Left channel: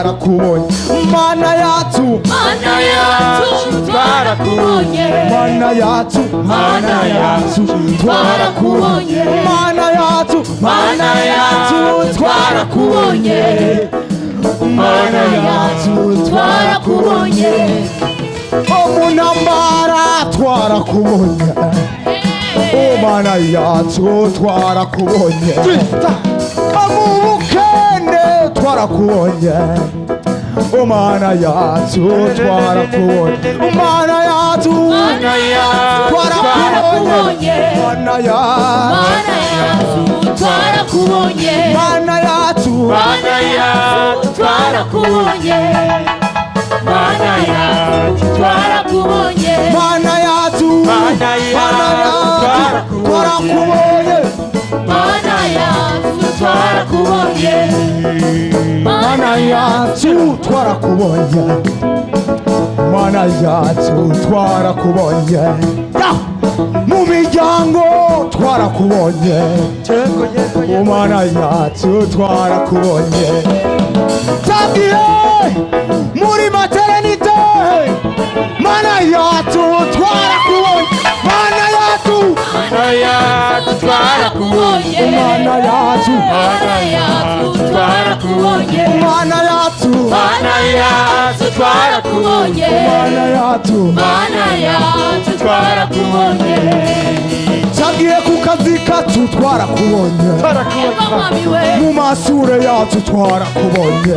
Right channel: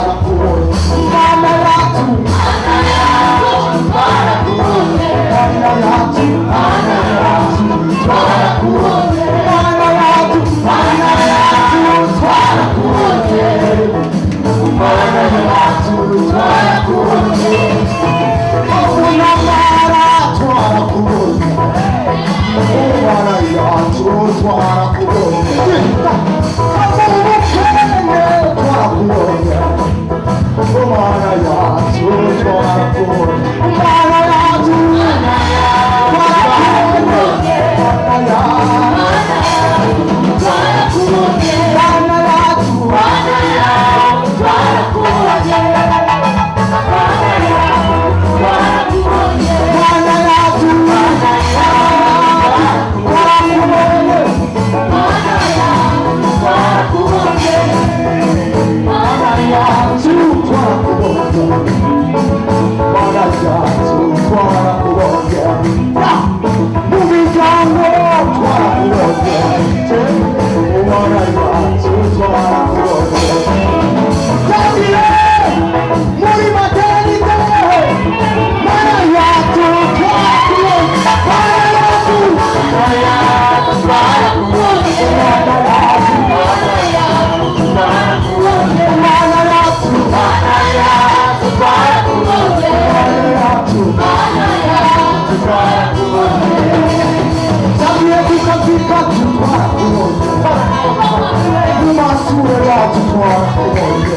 Mana yacu twarakubonye, Mana yacu twarakubonye, Mana yacu twarakubonye, Mana yacu twarakubonye, Mana twarakubonye, Mana yacu twarakubonye, twarakubonye, Mana yacu twarakubonye, Mana yacu twarakubonye, Mana yacu twarakubonye, Mana yacu twarakubonye, Mana yacu twarakubonye, Mana yacu twarakubonye, Mana yacu twarakubonye, Mana yacu twarakubonye, Mana yacu twarakubonye, mu miryango twarakubonye, Mana yacu twarakubonye, twagiye muri maternité, Mana yacu twarakubonye, Mana yacu twarakubonye, Mana yacu twarakubonye, Mana yacu twarakubonye, Mana yacu twarakubonye, twagiye ku kazi kacu twarakubonye, mu mashure yacu twarakubonye,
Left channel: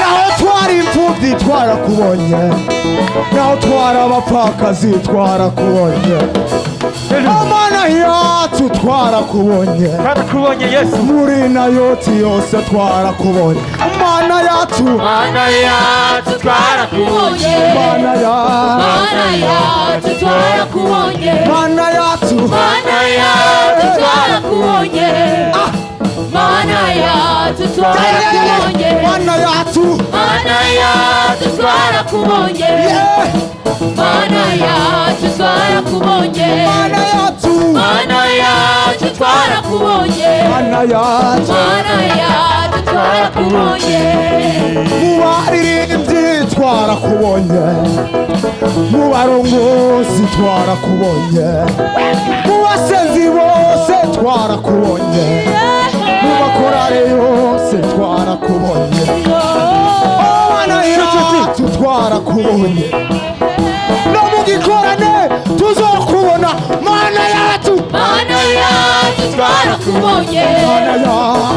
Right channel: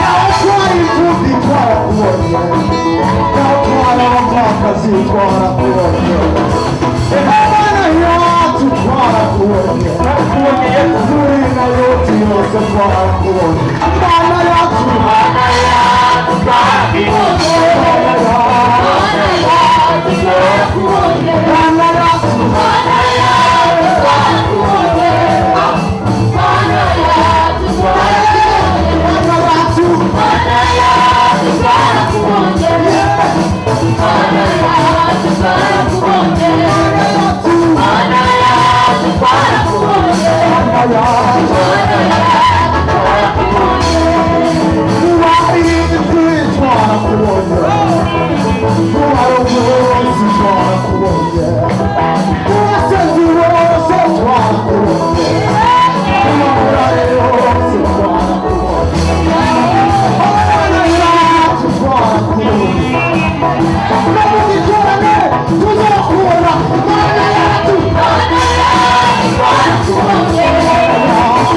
naho twari imfuvyi twarakubonye, naho twari abapfakazi twarakubonye, Mana yacu twarakubonye, muri nayoti yose twarakubonye, Mana yacu twarakubonye, Mana yacu twarakubonye, Mana yacu twarakubonye, Mana yacu twarakubonye, Mana yacu twarakubonye, Mana yacu twarakubonye, Mana yacu twarakubonye, Mana yacu twarakubonye, mubarinzi twarakubonye, mubarongozi twarakubonye, mubasenzi bose twarakubonye, mubakorari bose twarakubonye, Mana yacu twarakubonye, no mu gikorane tuzokubona, Mana yacu twarakubonye, Mana yacu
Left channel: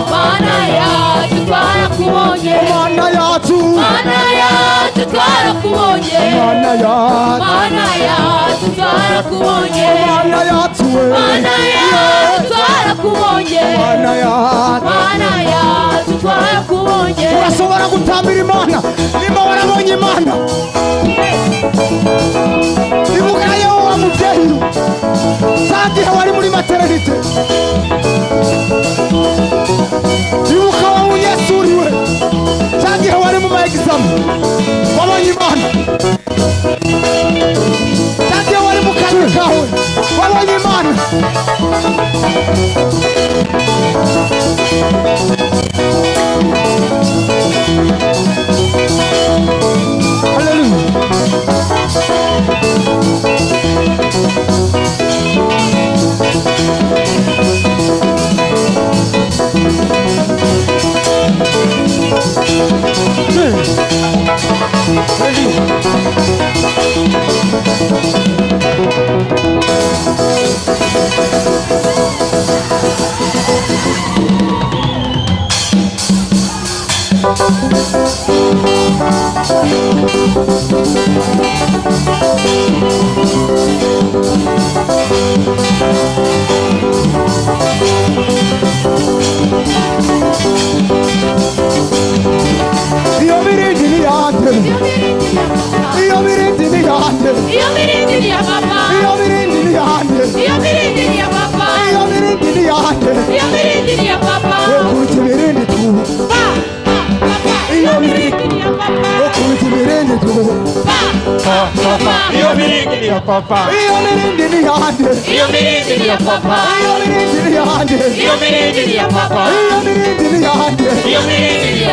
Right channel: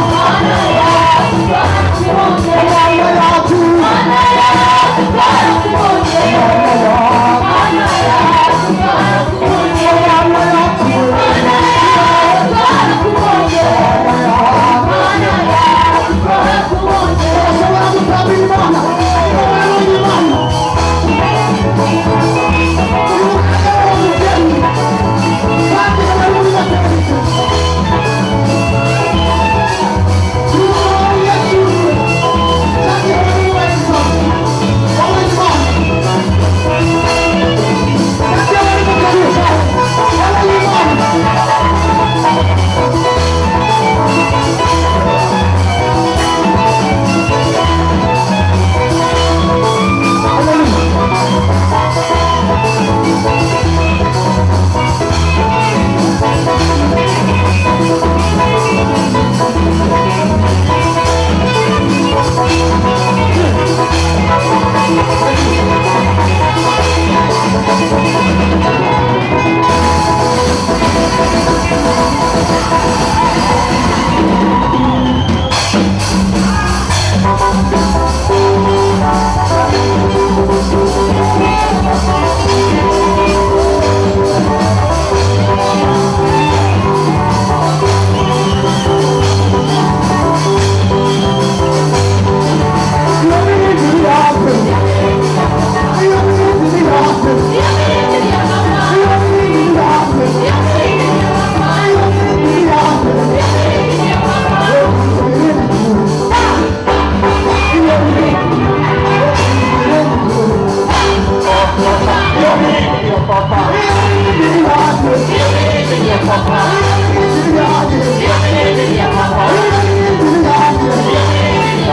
twarakubonye, Mana yacu twarakubonye, Mana yacu twarakubonye, Mana yacu twarakubonye, Mana yacu twarakubonye, urashobora gutabira Imana, niba warabonye Imana, ibuka yewe wa muvyeyi, kandi abari muri maternité, ibuka wa mu Yesu uriwe, kandi abari mu bayisamu, wabonye Imana, kandi abari mu kazi kawe, wabonye Imana, Io mi ridi a papà. Io mi ridi a papà. Io mi ridi a papà. Io mi ridi a papà. Io mi ridi a papà. Io mi ridi a papà. Io mi ridi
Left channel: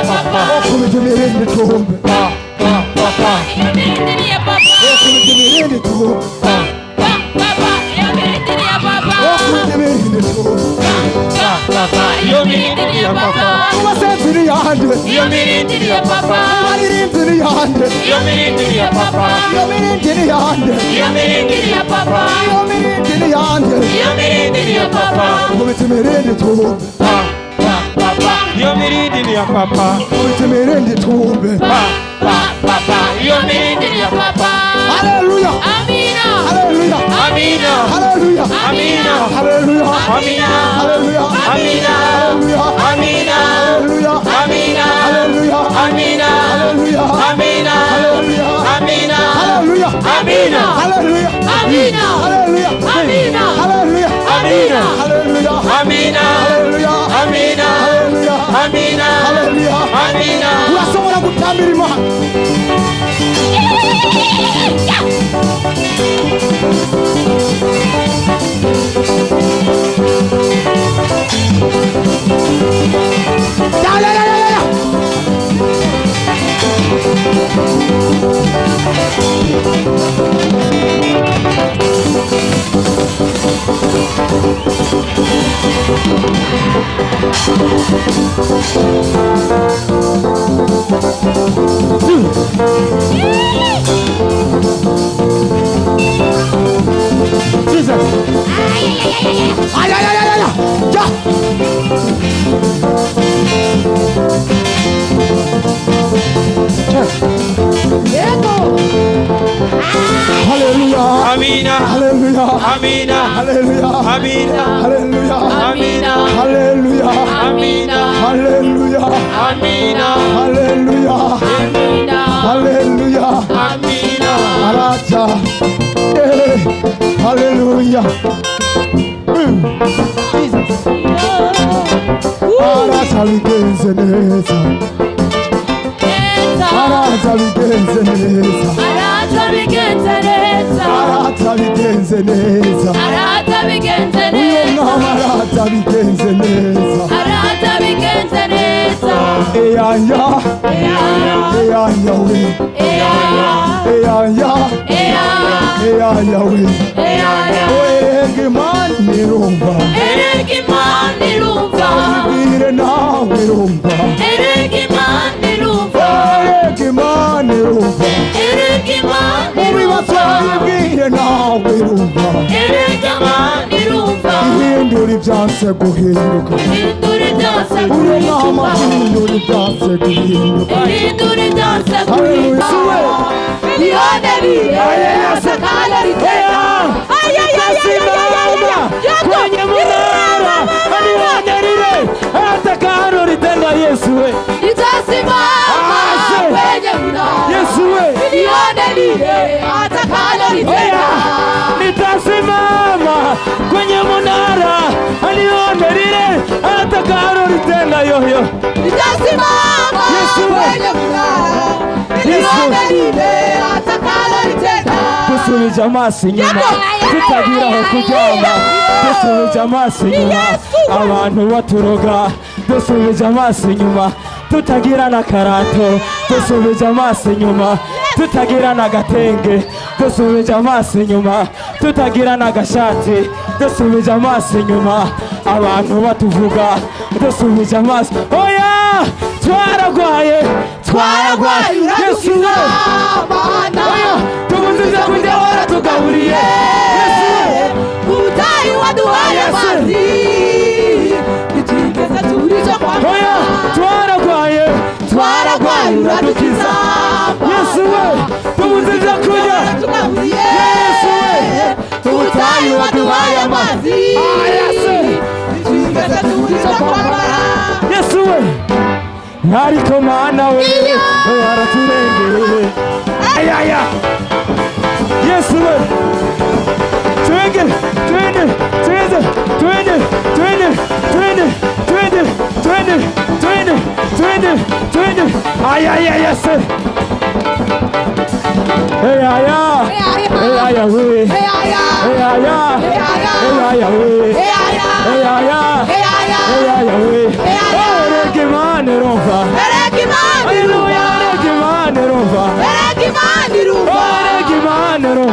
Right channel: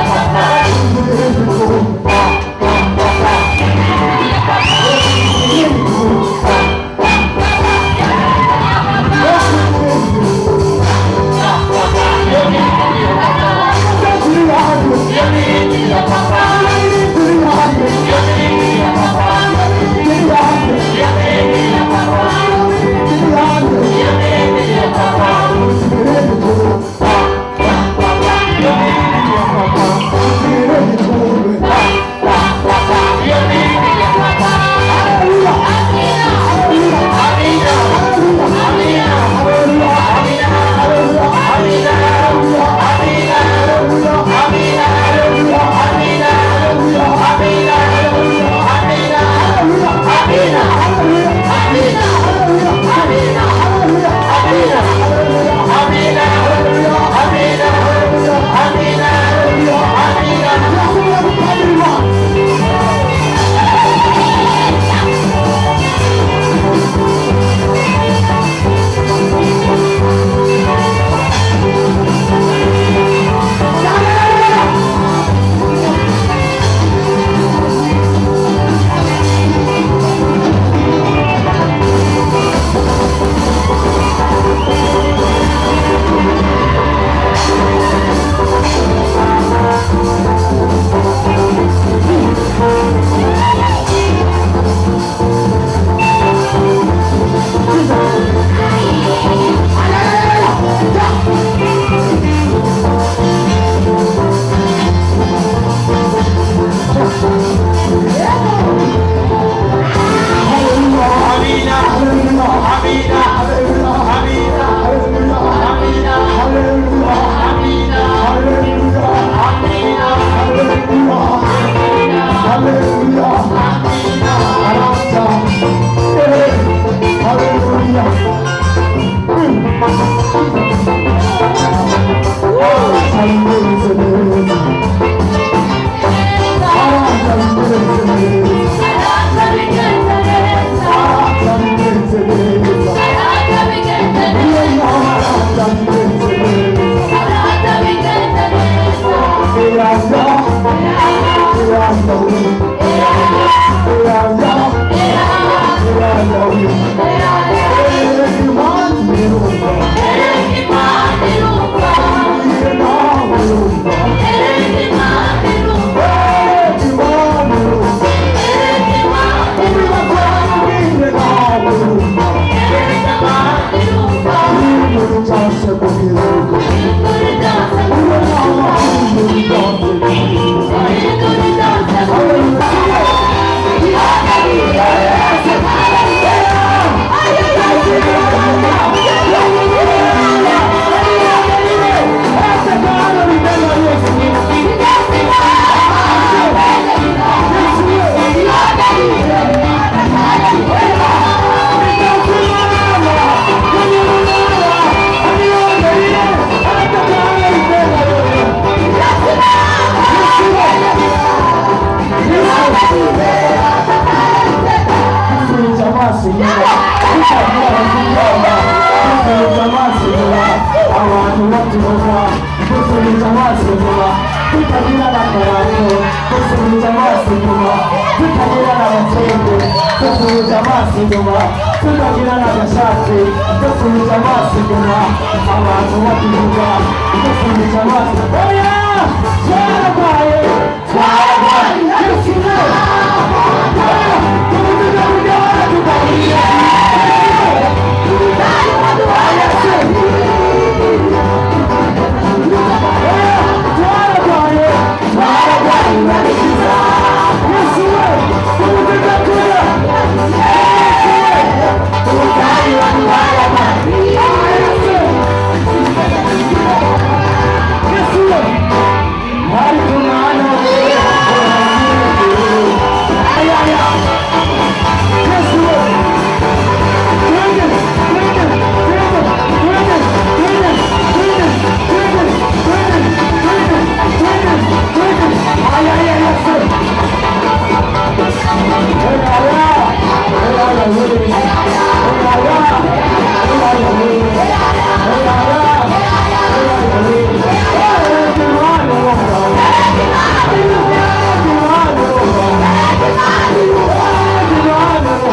Hey,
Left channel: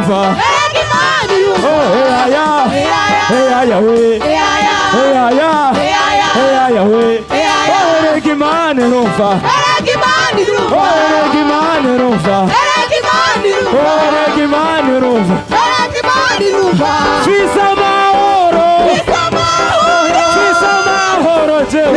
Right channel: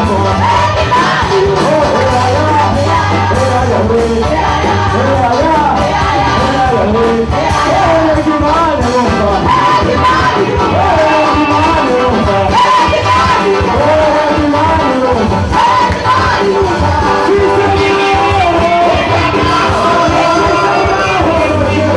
numva. Oh, Yahya, Yahweh, Yahya, Yahweh. Oh, Gimana numva. Oh, Gimana numva. Oh, Gimana numva. Twisa mahoro, twisa mahoro, Twisa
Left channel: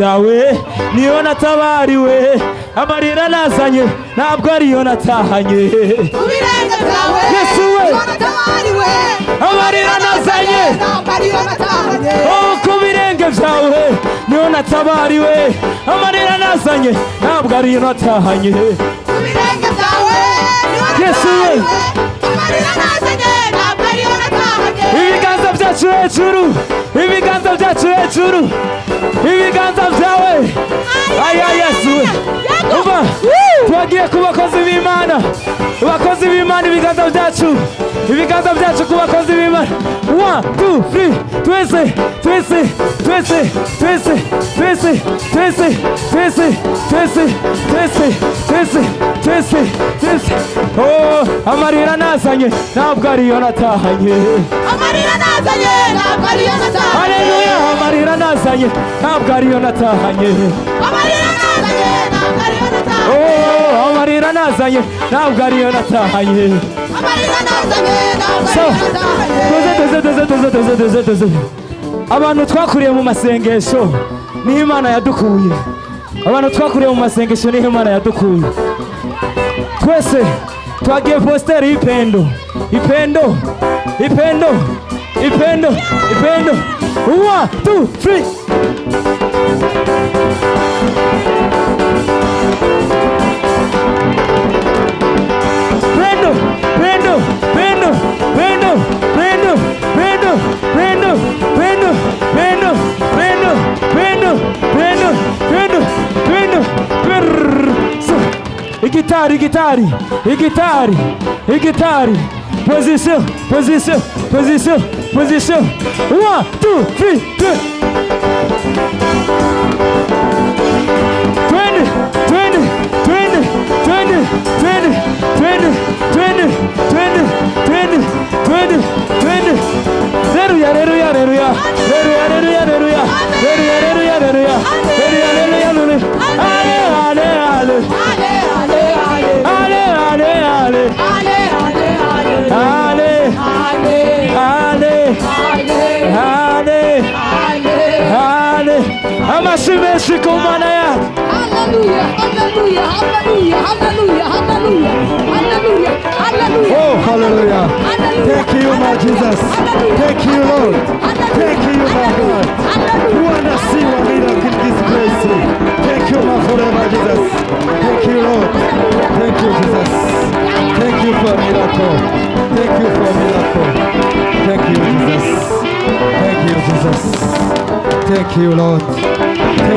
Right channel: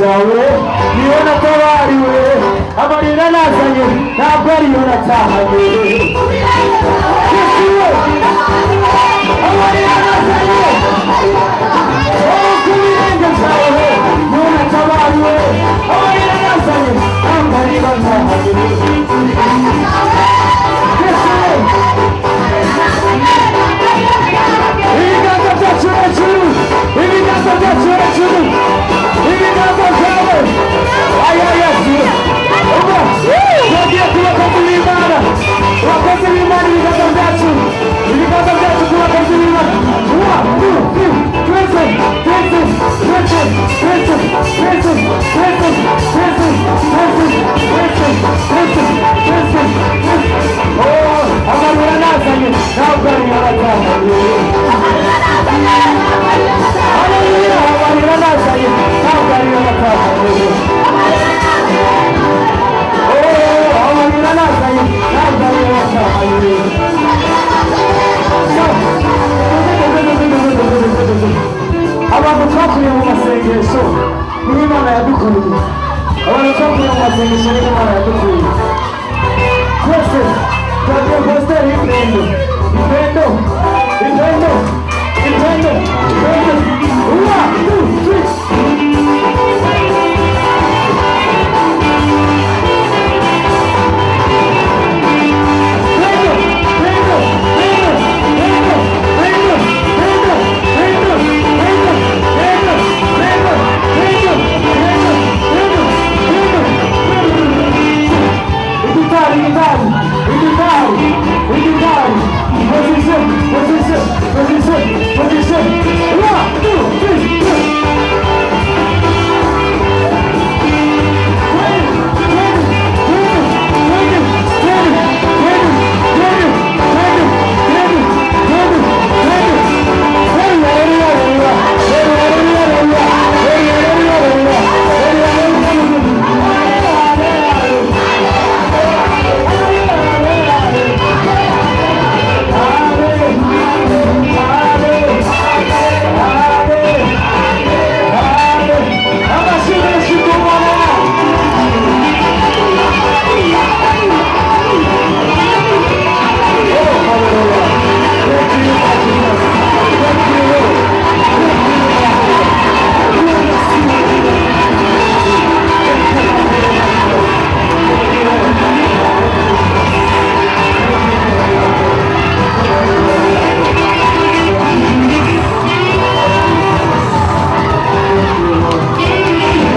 zawe niyo natabariwe amarira nazanye ntabwo ariyo natahanye Yesu we amarira nazanye ku birenge byawe niyo natabariwe amarira nazanye ntabwo ariyo natahanye Yesu we ibiganza byacu hejuru ibiganza byacu hejuru ibiganza byawe aya Yesu uba tugiye ku bakozi b'Imana abakozi b'Imana ibiganza byacu ku bakozi b'Imana 1 2 3 twese twese twese twese twese twese twese twese twese twese twese twese oh amarira nazanye ntabwo ariyo natahanye amarira nazanye ntabwo ariyo natahanye amarira nazanye ntabwo ariyo natahanye amarira nazanye ntabwo ariyo natahanye oh amarira nazanye ntabwo ariyo natahanye amarira nazanye abantu twakuriye mu masengesho niho Imana yadukuye abantu twakuriye mu masengesho niho Imana yadukuye twese twagiye posteri y'ipendo ipendo ipendo ipendo ipendo 1 2 3 Guitar, position, 1 2 Thank you, Lord.